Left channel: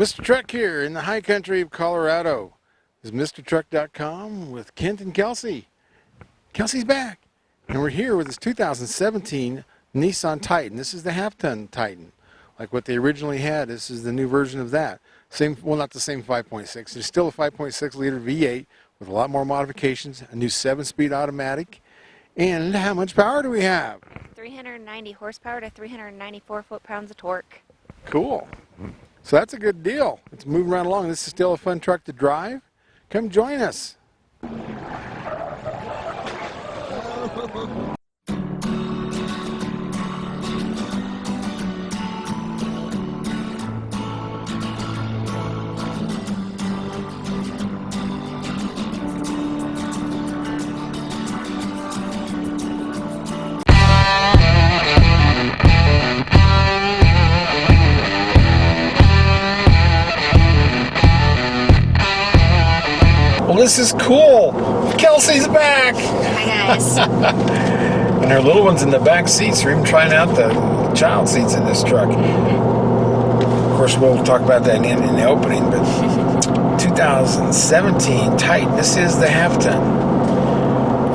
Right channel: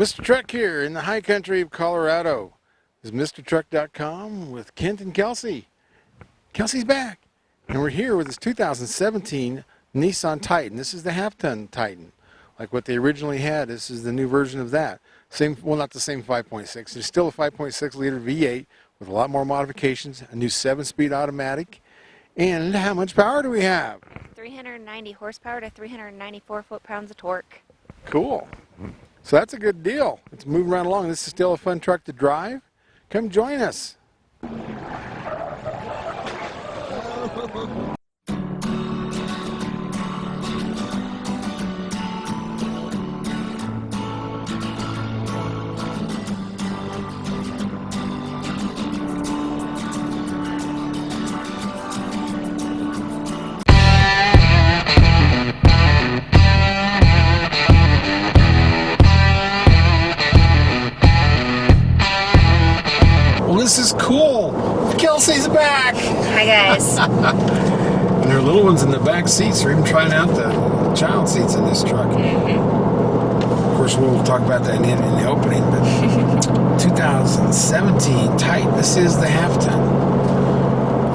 Mr. Truck here in the high country of Colorado. This is MrTruck.com with Kent and Kelsey. Kelsey's back, and we're here with this 2017 Nissan Titan. This is the half-ton Titan, like what they originally had. This is the new version of that. Same, well, not the same 5.6. There's still a 5.6 liter V8 with a lot more modifications, a new 7-speed automatic. And how much power do we have? 390 horsepower to 394 foot-pounds of torque. Cool. So that's a good deal. It's moving right along. This is still a fun truck to drive. Come join us. Well, this is cool. Kelsey's back. Hi, guys. And her little one's in the back seats. We're even trying out the child seats in this truck. Of course, we'll talk about that in the opening, but 2017 Titan. This is the half-ton.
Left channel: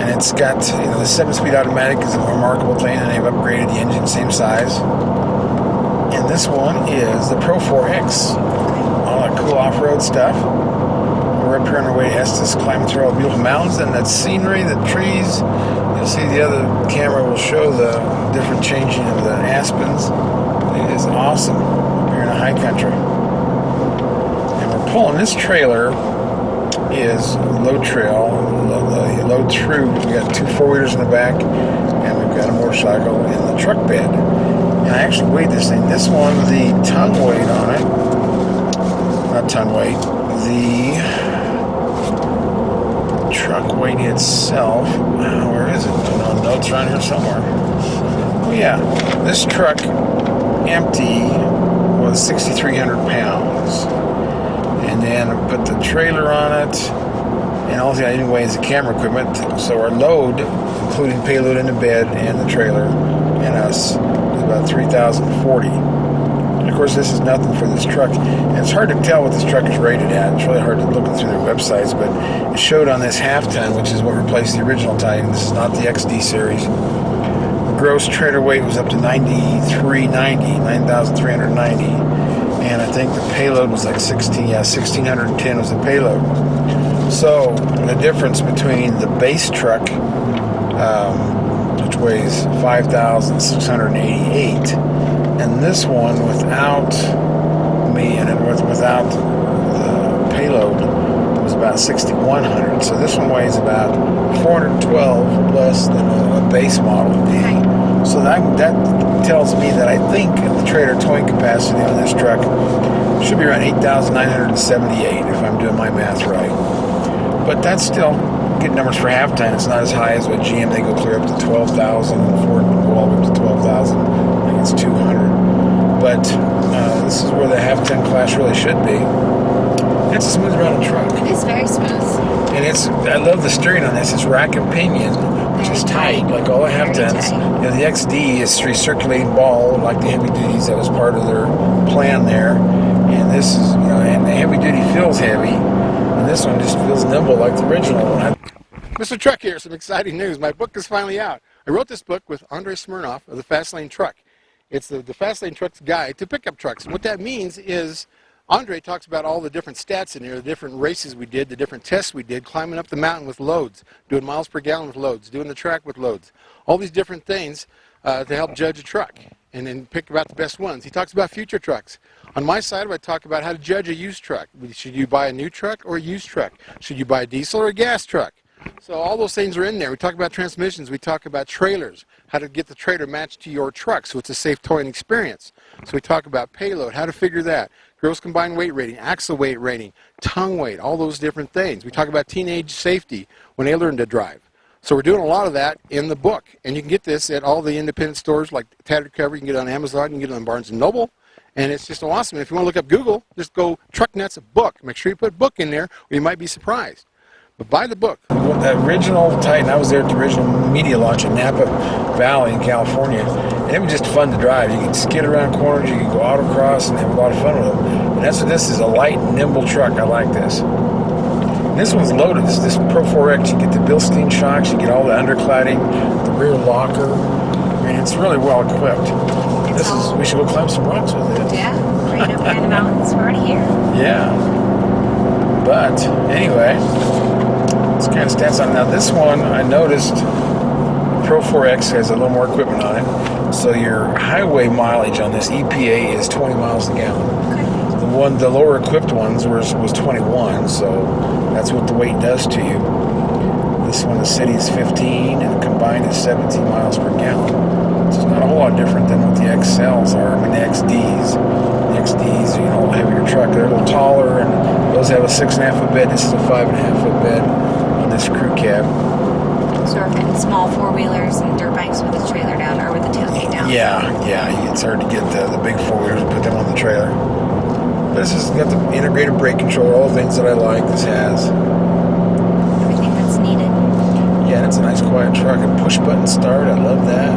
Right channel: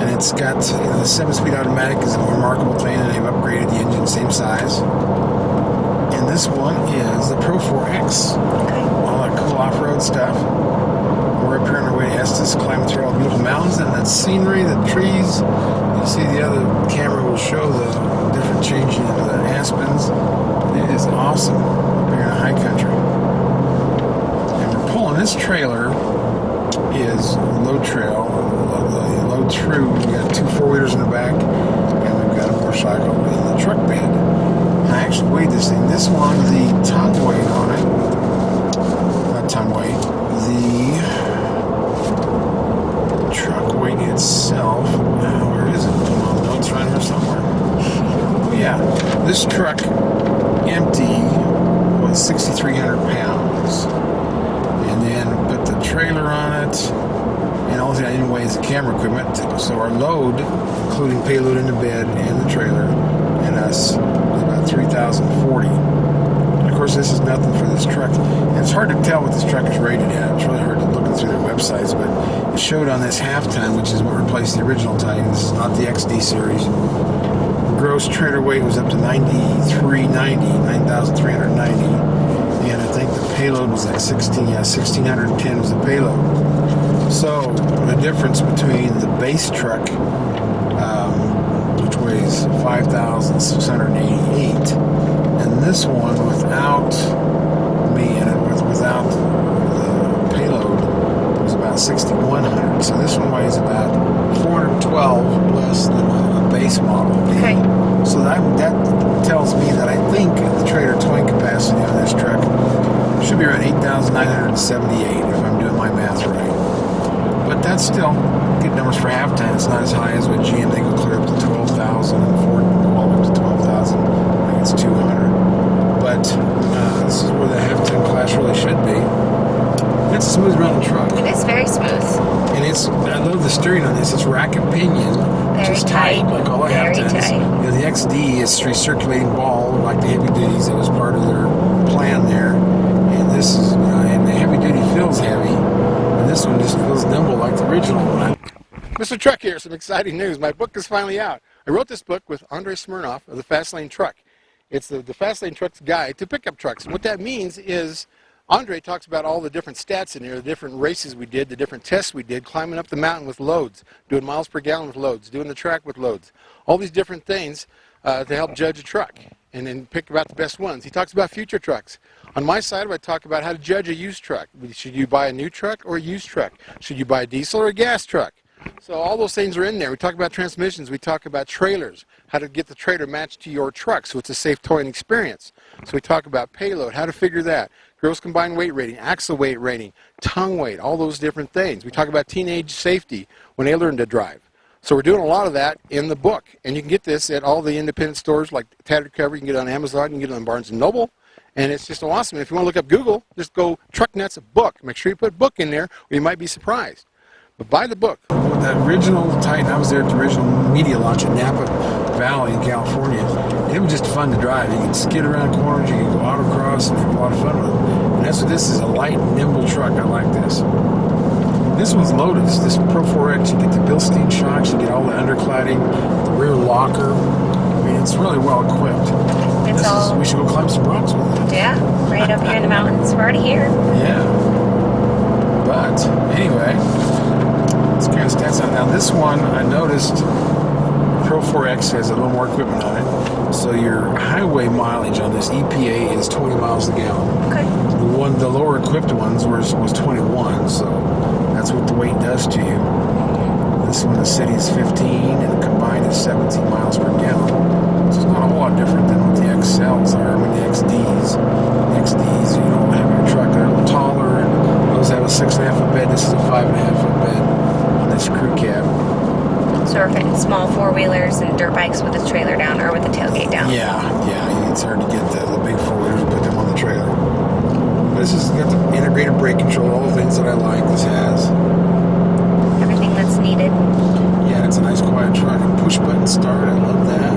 And it's got, the 7-speed automatic is a remarkable thing, and they've upgraded the engine, same size. And this one is the Pro 4X. All that cool off-road stuff. We're up here on our way to Estes, climbing through all the beautiful mountains and that scenery, the trees. You'll see the other camera will show the different changing of the aspens. It is awesome up here in the high country. And we're pulling this trailer is load trail, load through. We got 2 4-wheelers in the back, and we've got a motorcycle in the truck bed. And I actually weighed this thing. This one, the tongue weight on it, not tongue weight, the truck weight itself, where is it? No notes around here somewhere. Oh yeah, this truck empty was 6,300 pounds, and then put the trailer on it, and all that anyway is the camera equipment. So our load, including payload in the bed and the trailer and us, is about 3,040. And of course, this is nothing for this truck. And it's hard to tell what this truck is rated at. It's really hard to look through their websites, but it showed on this half-ton, which is what replaced the original Titan. This is not the XD series. The gross trailer weight was up to 9,390, and I think the payload was like 1,610 was the payload. So the difference between the base truck, which weighs 5,688, and this one without me in it, without the payload, was about 6,100. So this one weighs about 412 less than a base model. Okay. So that tells me that I think the trailer towing capacity on this truck should be around 8,978 if I'm doing my math right. But that's still good numbers for half-ton. It's not as high as what GM. They go clear up to 12,000, and Ford go all the way up to 12,000. I think it's 200. But this is where the half-ton class really should be. It's a smooth running truck. It is very smooth. And I love the steering on this. It's rack and pinion, which is tight, like all the half-tons. The XD is recirculating ball, like the heavy duties. That was part of their plan there. And this is, and the heavy duty feels heavy. And this one just feels nimble like the original one. Mr. Truck here, some exciting news. My book is finally out. I wrote this book with Andre Smirnoff of the Fast Lane Truck. It's the Fast Lane Truck's guide to pickup trucks. And what that means is Andre talks about all the different stats in here, the different races we did, the different tests we did, climbing up the mountain with loads, doing miles per gallon with loads, doing the track with loads, all these different things to help judge a truck and then pick about the best ones. He talks about future trucks. On my side, I talk about how to judge a used truck. Should you buy a new truck or a used truck? Should you buy a diesel or a gas truck? So all those things are in there. We talk about transmissions. We talk about trailers, how to get the trailer matched to your truck so it's a safe towing experience. So we talk about payload, how to figure that, gross combined weight rating, axle weight rating, tongue weight, all those different things. We talk about teenage safety when they learn to drive. So we're doing a lot of that in the book. And you can get this at all the independent stores like Tattered Cover. You can get it on Amazon. You can get it on Barnes & Noble. And it's just awesome. If you want to look up Google, just go Truck Nuts book. Make sure you put book in there or you might be surprised. But buy the book. Well, the original Titan, I was there at the original media launch in Napa Valley in California, and it was just fun to drive. You could skid around corners, you could go autocross, and have a lot of fun with them. And that's what this is, a light, nimble truck. I like this. And this one's loaded. This Pro 4X, you get the Bilstein shocks, you get all the undercladding, the rear locker. I mean, it's really well equipped. We should go climb some rocks with it. Yeah, right up here in the mountains. We're already here. Yeah. But, anyway, it's kind of stats on it. Now, this one, I noticed Pro 4X has a little more equipment on it. So your highway mileage on this EPA is 20 miles a gallon. Okay. The lower equipped ones was 21, so that's what the weight does to you. This one, the city is 15, and combined is 17 miles per gallon. So it's not a whole lot different than what the XLs are. I mean, the XDs. The XDs, you know, a heavier truck. They're a little taller, and those have a 6.5 foot bed. This is a 5.5 foot bed on this crew cab. So we're fitting small four-wheelers and dirt bikes with the trailer down, or with the tailgate down. Yeah. It's hard to get the big four-wheelers and put them on the trailer. But this has got the integrated brake control, all the things that I like. This has Everything that's needed. Yeah, it's a nice quiet truck. And push-button start, I love that.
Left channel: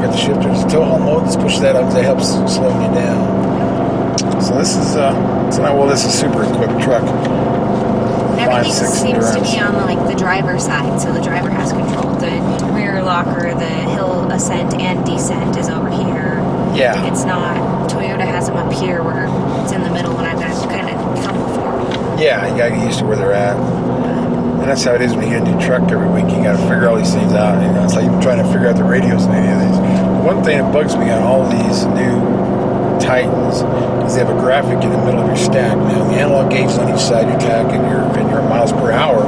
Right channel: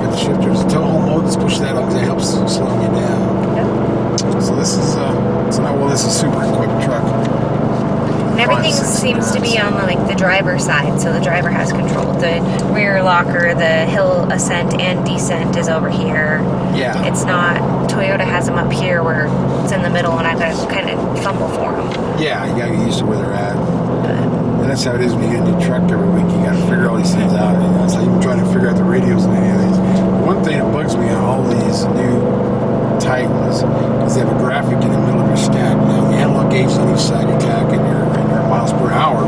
Got the shifter. There's a tow home mode. Let's push that up because that helps slow you down. Yep. So this is this is a super equipped truck. And everything seems to be on the driver's side, so the driver has control. The rear locker, the hill ascent and descent is over here. Yeah. It's not, Toyota has them up here where it's in the middle, and I've got to kind of fumble for them. Yeah, you got to get used to where they're at. And that's how it is when you get a new truck every week. You got to figure all these things out. You know, it's like you're trying to figure out the radios and any of these. One thing that bugs me on all these new Titans is they have a graphic in the middle of your stack. Now, the analog gauge is on each side of your tack and your miles per hour,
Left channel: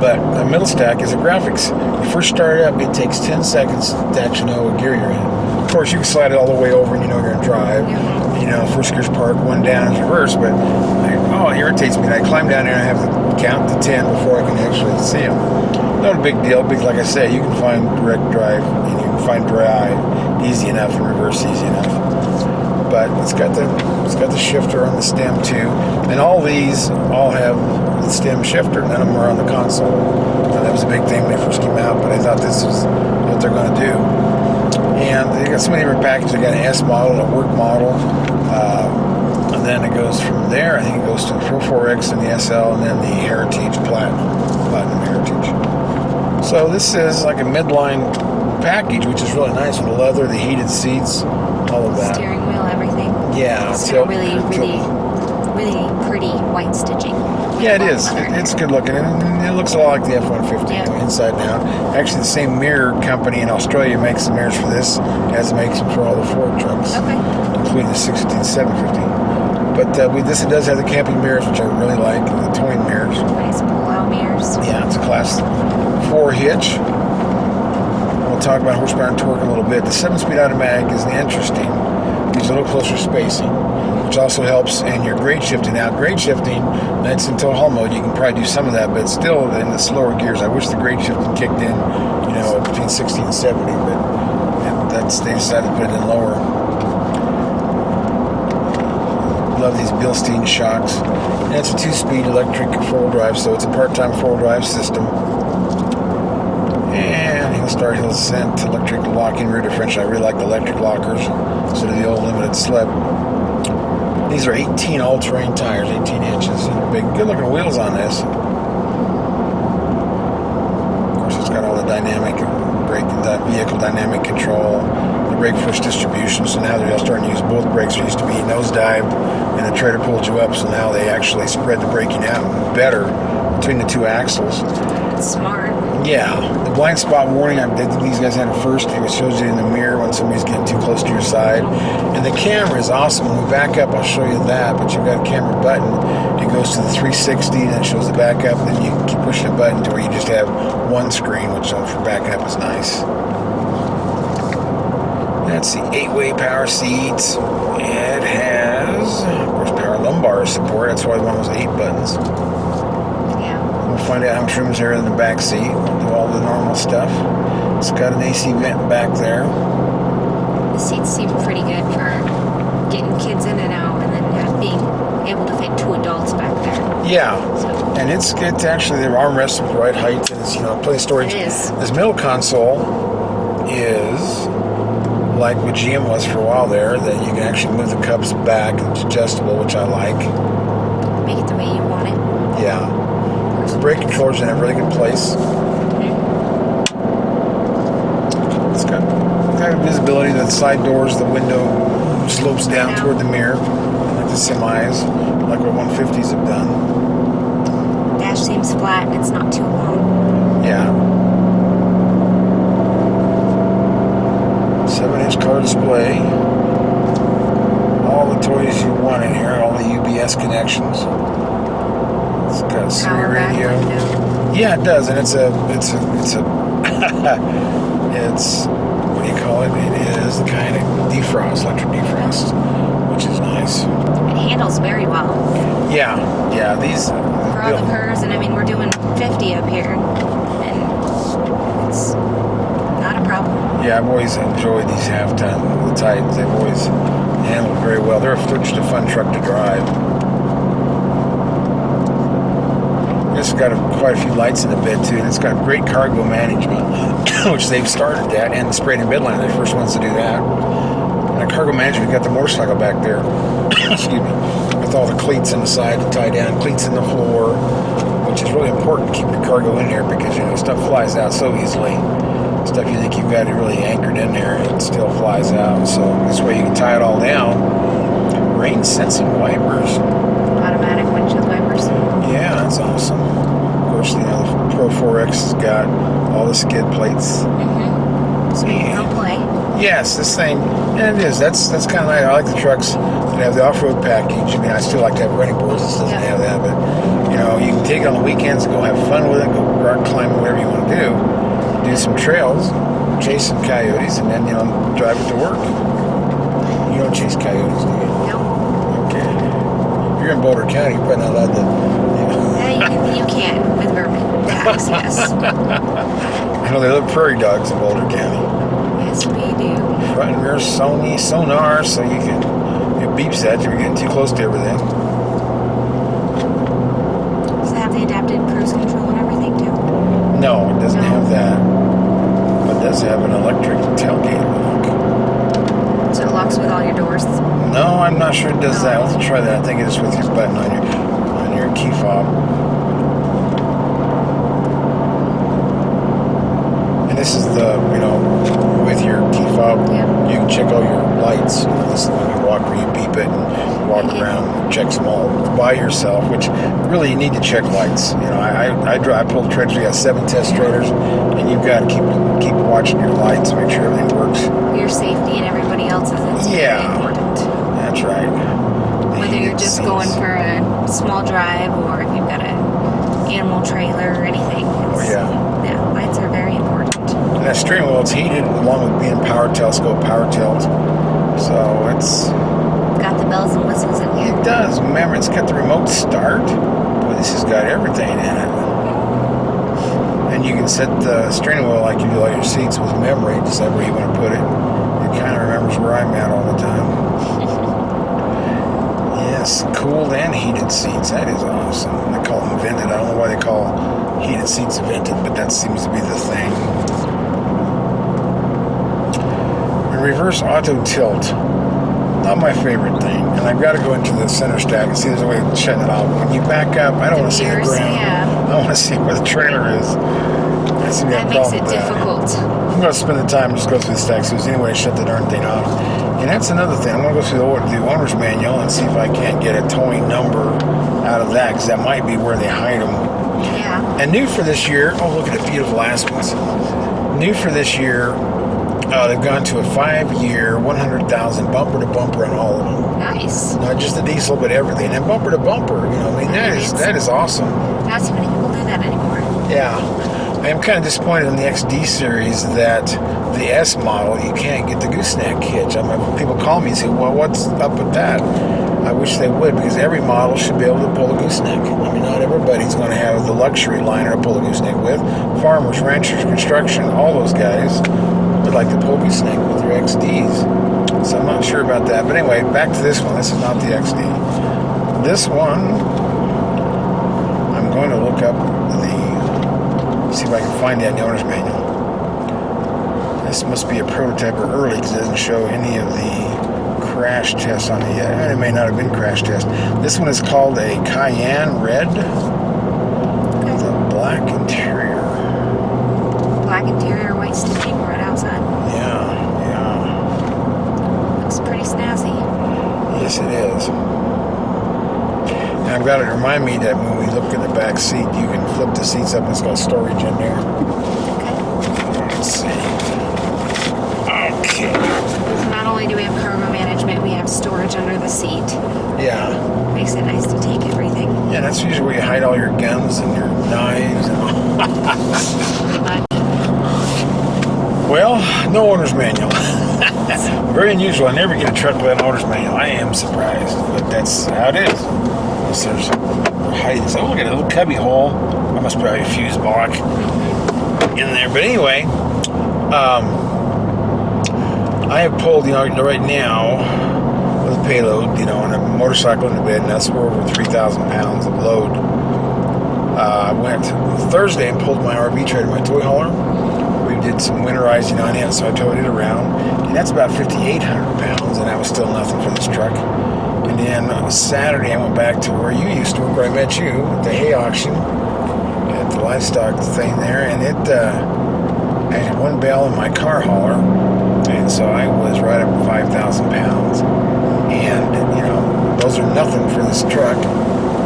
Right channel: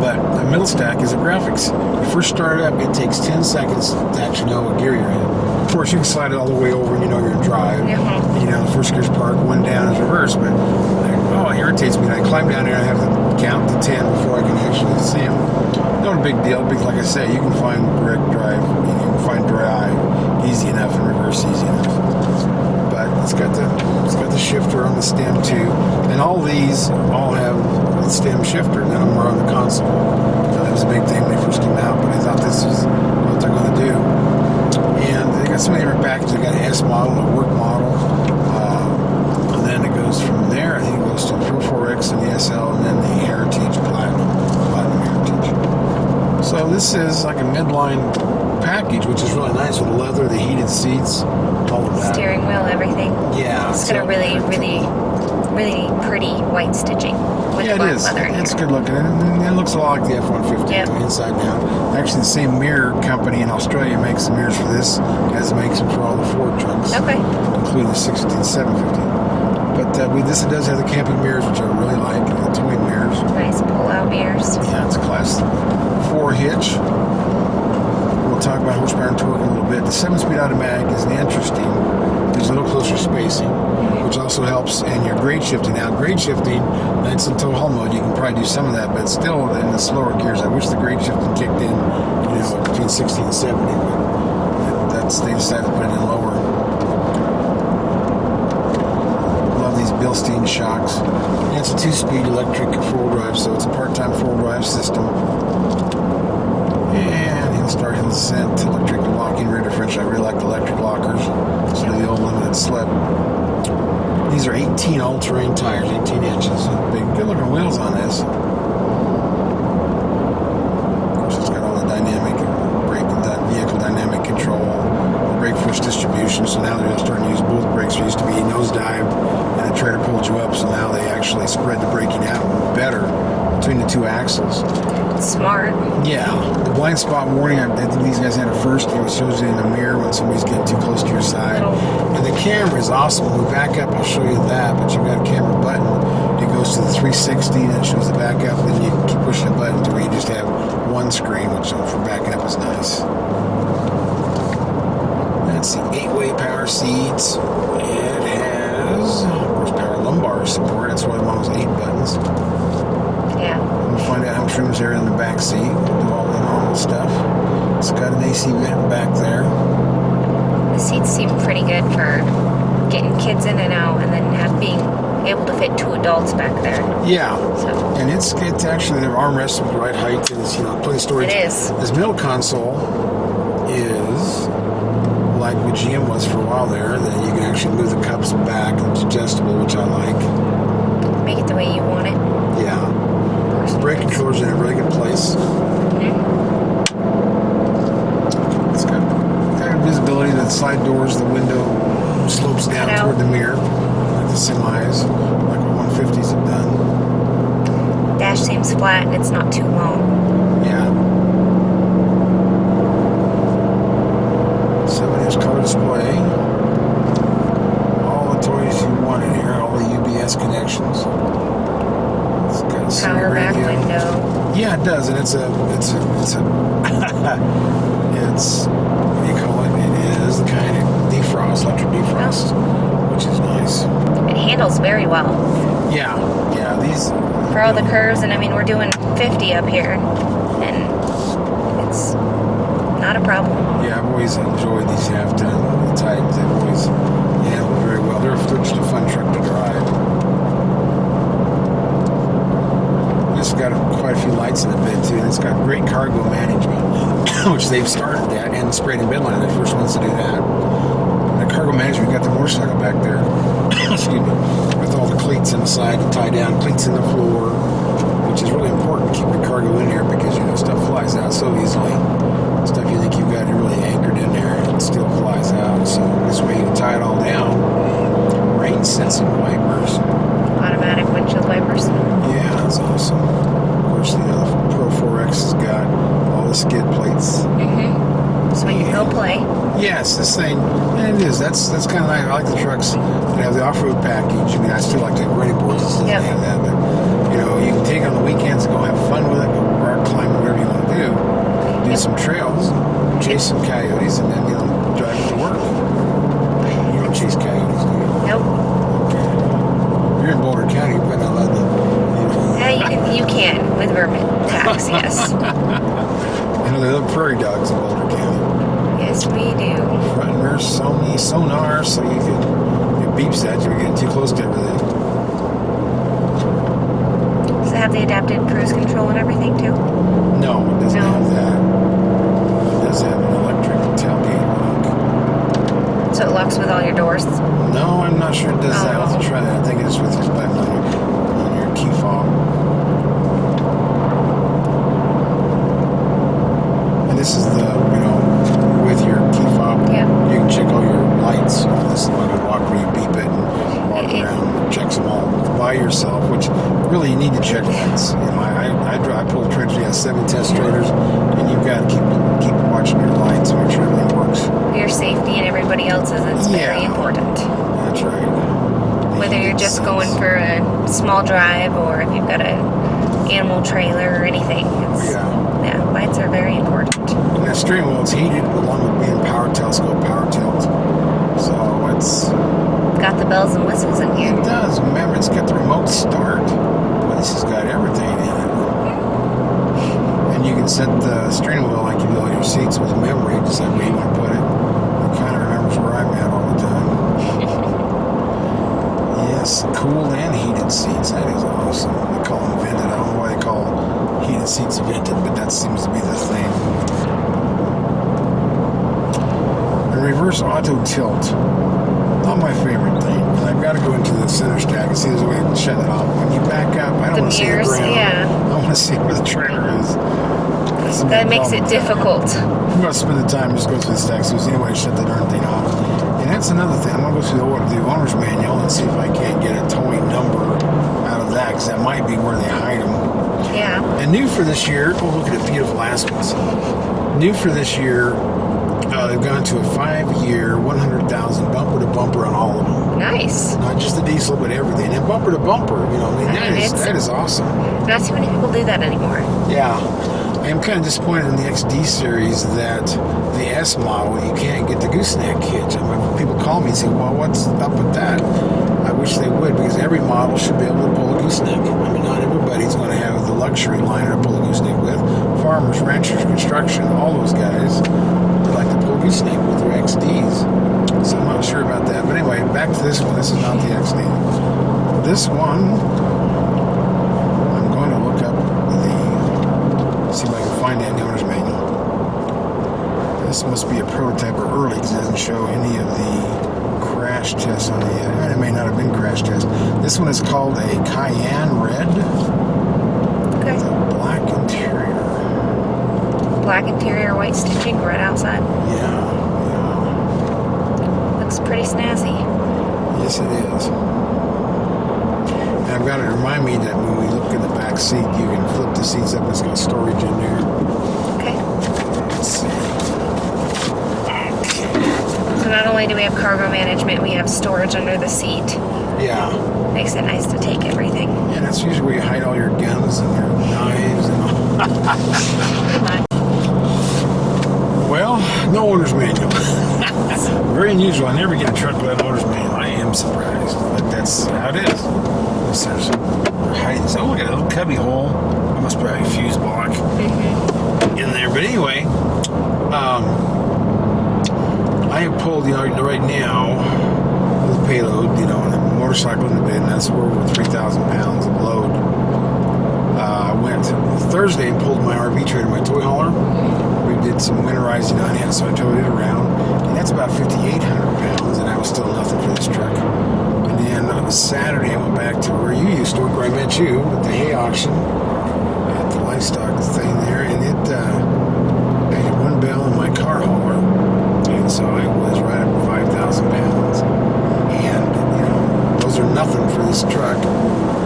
but the middle stack is a graphics. You first start it up, it takes 10 seconds to actually know what gear you're in. Of course, you can slide it all the way over and you know you're in drive. Mm-hmm. You know, first gear's park, one down is reverse, but it irritates me. I climb down there and I have to count to 10 before I can actually see them. Not a big deal, because like I say, you can find direct drive and you can find drive easy enough and reverse easy enough. But it's got the shifter on the stem too, and all these have the stem shifter. None of them are on the console. That was a big thing when they first came out, but I thought this was what they're going to do. And they got so many different packages. They got an S model, a work model, and then it goes from there. I think it goes to the Pro 4X and the SL, and then the Heritage Platinum Heritage. So this is like a midline package, which is really nice with the leather, the heated seats, all of that. Steering wheel, everything. Yeah. It's got a really pretty white stitching. Yeah, it is. It's good looking, and it looks a lot like the F-150 inside and out. Actually, the same mirror company in Australia makes the mirrors for this, as it makes them for all the Ford trucks, including the 650 and 750. But it does have the camping mirrors, which I really like, the towing mirrors. Nice pull-out mirrors. Yeah, it's a Class 4 hitch. We'll talk about horsepower and torque in a little bit. The 7-speed automatic is interesting. Gives a little closer spacing, which also helps in your grade shifting. Now, grade shifting, that's in tow haul mode. You can probably do some of that, but still in the slower gears. I wish the grade shifting kicked in, between 60 and 70, but they decided to put it in lower. Love these Bilstein shocks. And it's a 2-speed electric four-wheel drive, so it's a part-time four-wheel drive system. And hill start, hill descent, electric locking rear differential. I really like the electric lockers instead of the old limited slip. These are 18 all-terrain tires, 18 inches. Big, good-looking wheels on this. Of course, it's got all the dynamic brake and vehicle dynamic control, the brake force distribution. So now they're starting to use both brakes. There used to be nosedive, and the trailer pulled you up. So now they actually spread the braking out better between the two axles. Smart. Yeah, the blind spot warning, I think these guys had it first. It shows you in the mirror when somebody's getting too close to your side. And the camera is awesome. When we back up, I'll show you that. But you've got a camera button. It goes to the 360, and it shows the back up. And then you can keep pushing a button to where you just have one screen, which for backing up is nice. That's the 8-way power seats. It has, of course, power lumbar support. That's why one of those 8 buttons. We'll find out how much room is there in the back seat. We'll do all the normal stuff. It's got an AC vent back there. The seats seem pretty good for getting kids in and out, and then being able to fit 2 adults back there. Yeah. So. And it's actually, the armrest is the right height. It's, plenty of storage. It is. This middle console is like what GM was for a while there, that you can actually move the cups back. It's adjustable, which I like. Make it the way you want it. Yeah. Brake controllers in a really good place. It's got visibility. The side doors, the window slopes down toward the mirror, like the semis, like what 150s have done. Dash seems flat and it's not too long. Yeah. 7-inch color display. All the toys you want in here. All the UBS connections. It's got a Siri radio. Window. Yeah, it does, and it's a it's, what do you call it? It is the kind of defrost, electric defrost, which is nice. It handles very well. Yeah, these... For all the curves, and I mean, we're doing 50 up here, and it's not a problem. Yeah, I've always enjoyed these half-ton Titans. They've always handled very well. They're just a fun truck to drive. It's got quite a few lights in the bed too. It's got great cargo management, which they've started that, and the sprayed in midline. They're the first ones to do that. And cargo management, you've got the motorcycle back there. Excuse me, with all the cleats inside to tie down, cleats in the floor, which is really important to keep your cargo in there because stuff flies out so easily. Stuff you think you've got it really anchored in there, and it still flies out. So this way you can tie it all down. Rain sensing wipers. Automatic windshield wipers. Yeah, that's awesome. Of course, the Pro 4X has got all the skid plates. So you can go play. Yes, this thing, yeah, it is. That's kind of nice. I like the trucks that have the off-road package. I mean, I still like to have running boards. This doesn't have that, but you can take it on the weekends and go have fun with it, go rock climb, whatever you want to do some trails, chase some coyotes, and then drive it to work. You don't chase coyotes, do you? Nope. Okay. You're in Boulder County, you're probably not allowed to. Yeah, you can with vermin tax, yes. I know there are prairie dogs in Boulder County. Yes, we do. Front and rear sonar, so you can, it beeps at you. You're getting too close to everything. Does it have the adaptive cruise control and everything too? No, it doesn't have that. But it does have an electric tailgate lock. So it locks with all your doors? No, I'm not sure it does that. I'll have to try that. I think it's with your button on your key fob. And this is the, with your key fob, you can check all your lights. This is when you walk where you beep it and walk around and checks them all by yourself, which really you need to check lights. I pull the trailers. We got 7 test trailers, and you've got to keep watching your lights, make sure everything works. Your safety and everybody else's is very important. That's right. Whether you're just going for a small drive or if you've got an animal trailer or anything. Yeah, lights are very important. And that steering wheel, it's heated along with being power telescope, power tilt. So it's got the bells and whistles in here. It does. Remember, it's got the remote start. Boy, this has got everything in it. And you can set the steering wheel like you do all your seats with memory, just like where you want to put it. It kind of remembers where I'm at all the time. Yes, cooled and heated seats. That is awesome. They call them vented. I don't know why they call heated seats vented, but that seems to be the thing. And reverse auto tilt. Not my favorite thing. And I've got to go into the center stack and see there's a way of shutting it off. When you back up, I don't want to see the ground. Yeah. I want to see where the trailer is. That makes it difficult. I'm going to spend the time and just go through the stacks. There's any way to shut the darn thing off. And that's another thing. I'm going to go through the owner's manual and see if I can't get a towing number out of that, because that might be where they hide them. Yeah. And new for this year, look at the beautiful Aspens. New for this year, they've gone to a 5-year, 100,000 bumper to bumper on all of them. Nice. Not just the diesel, but everything. And bumper to bumper, that is awesome. Not too many people do that anymore. Yeah. I am kind of disappointed in the XD series that the S model, you can't get the gooseneck hitch. I mean, people call me and say, well, what's up with that? I wish they would, because every model should be able to pull a gooseneck. I mean, not everybody's going to have the luxury liner to pull a gooseneck with. Farmers, ranchers, construction, all those guys would like to pull a gooseneck with your XDs. So I'm not sure about that. But anyway, back to this one. This is not the XD. This one, I'm going to look up see if I can find that in the owner's manual. This must be a prototype or early because it doesn't show any of the crash tests on it yet. It may not have been crash test. This one is called a Cayenne Red. Okay. With a black interior. Black interior, white stitching, red outside. Yeah. Looks pretty snazzy. Yes, it is. And I've got it to remind me that when we look in the back seat, you can flip the seats up and it's got storage in there. Okay. Let's see. Okay. So not only do we have cargo management, we have storage under the seat. Yeah. Makes it nice to take everything. Yeah, that's usually where you hide all your guns and your knives and all. Pretty much. Well, no owner's manual. Very unusual. I never get a truck with an owner's manual. I am surprised, but that's how it is. There's height. Oh, look at a little cubby hole. I must probably a fuse block in there. But anyway, I have pulled, right now with payload, on a motorcycle in the bed, and that's for over 3,000 pounds of load. I went Thursday and pulled my RV trailer, my toy hauler. We did some winterizing on it, so I towed it around. And that's about 5,800 pounds, and that was still nothing for this truck. And then Saturday, I went back to where you used to work, where I met you, at the hay auction, at the livestock thing there, and I had one bale in my car hauler, and so I was right up to 5,000 pounds. And, those are nothing for this truck.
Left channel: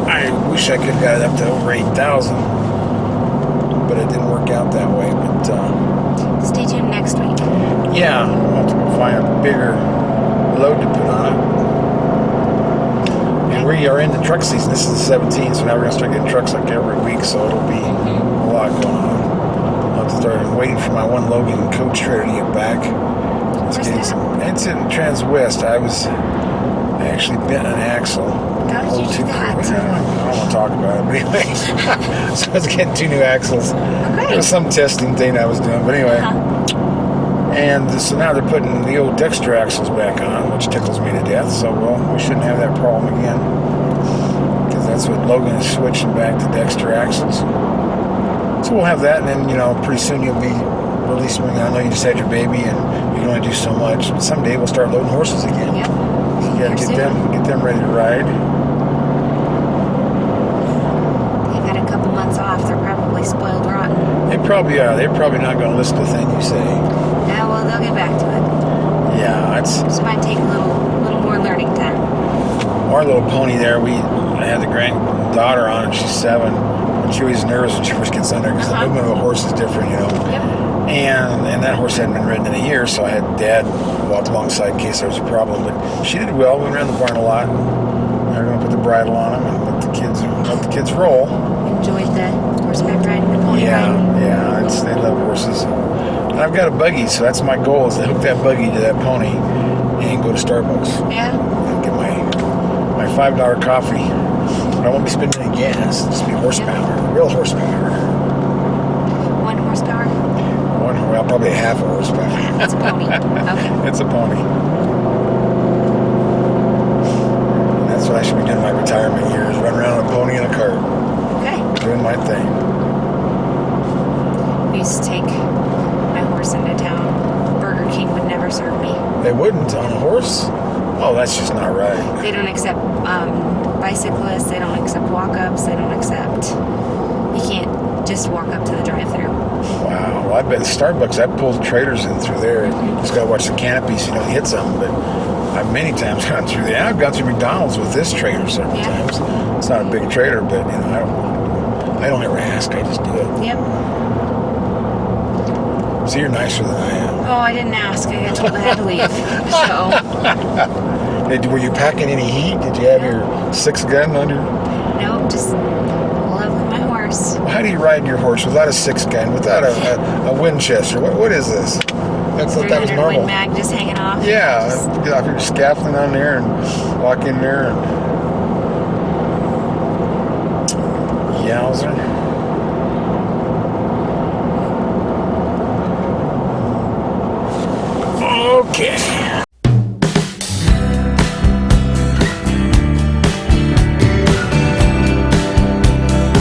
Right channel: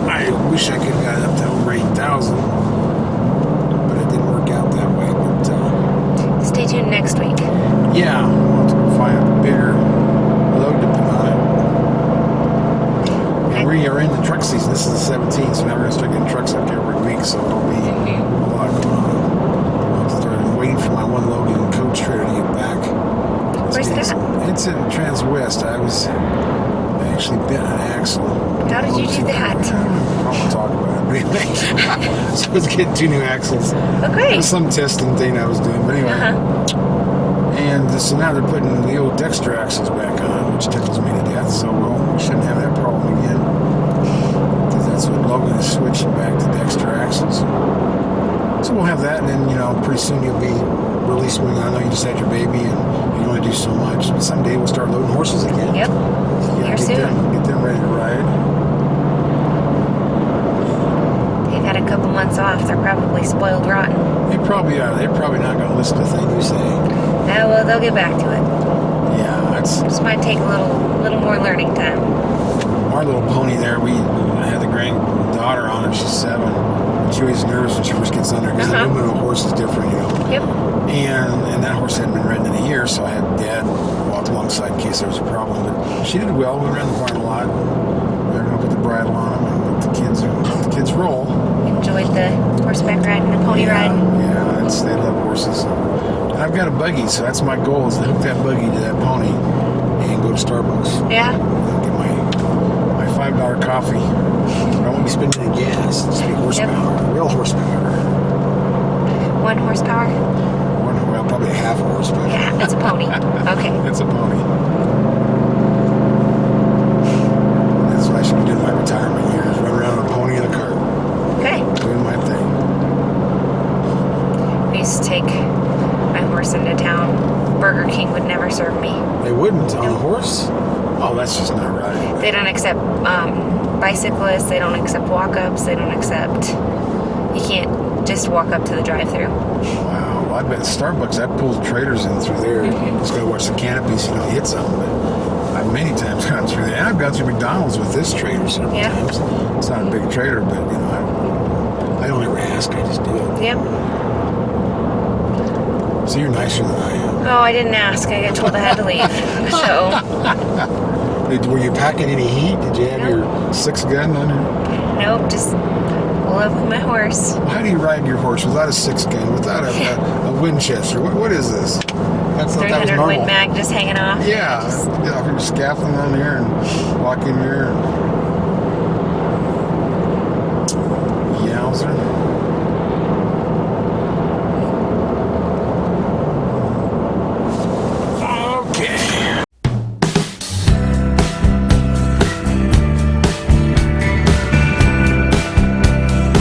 I wish I could have got it up to over 8,000, but it didn't work out that way. But Stay tuned next week. yeah, I'll have to go find a bigger load to put on it. And we are in the truck season. This is the 17th, so now we're going to start getting trucks like every week, so it'll be a lot going on. I'll have to start waiting for my one Logan coach trailer to get back. Where's that? It's in Trans-West. I actually bent an axle. How did you do that? I don't want to talk about it, but anyway. So I was getting 2 new axles. Okay. It was some testing thing I was doing, but anyway. And so now they're putting the old Dexter axles back on, which tickles me to death. So, we shouldn't have that problem again. Because that's what Logan is switching back to Dexter axles. So we'll have that, and then, pretty soon you'll be releasing. I know you just had your baby, and you can only do so much. But someday we'll start loading horses again. Yep. Yeah, get them ready to ride. You've had a couple months off. They're probably spoiled rotten. They probably are. They're probably not going to listen to a thing you say. Yeah, well, they'll get back to it. Yeah, Just might take a little more learning time. our little pony there. I had the granddaughter on, and she's 7. She was nervous when she first gets under because the movement of a horse is different, Yep. And that horse hadn't been ridden in a year, so I had Dad walk alongside in case there was a problem. But she did well. We ran the barn a lot. They're going to put the bridle on them and let the kids roll. Enjoyed the horseback ride and the pony ride. Yeah, they love horses. And I've got a buggy, so that's my goal, is to hook that buggy to that pony and go to Starbucks. Yeah. And get my $5 coffee. But I won't be spending any gas. It'll just be horsepower. Real horsepower. 1 horsepower? Probably a half horsepower. Yeah, that's a pony. Okay. That's a pony. That's what I should be doing in my retirement years. Run around on a pony and a cart. Okay. Doing my thing. I used to take my horse into town. Burger King would never serve me. They wouldn't on a horse? Oh, that's just not right. They don't accept bicyclists. They don't accept walk-ups. They don't accept... You can't just walk up to the drive-thru. Wow. Well, I bet Starbucks, I pulled trailers in through there. Just got to watch the canopy so you don't hit something. But I've many times gone through there. I've gone through McDonald's with this trailer several times. It's not a big trailer, but, I don't ever ask. I just do it. Yep. So you're nicer than I am. Oh, I didn't ask. I got told I had to leave. So... Hey, were you packing any heat? Did you have your 6-gun under? Nope, just love with my horse. Well, how do you ride your horse without a 6-gun, without a Winchester? What is this? That was 300 normal. Win Mag just hanging off. Yeah, get off your scaffolding on there and walk in there. And... Yowzer.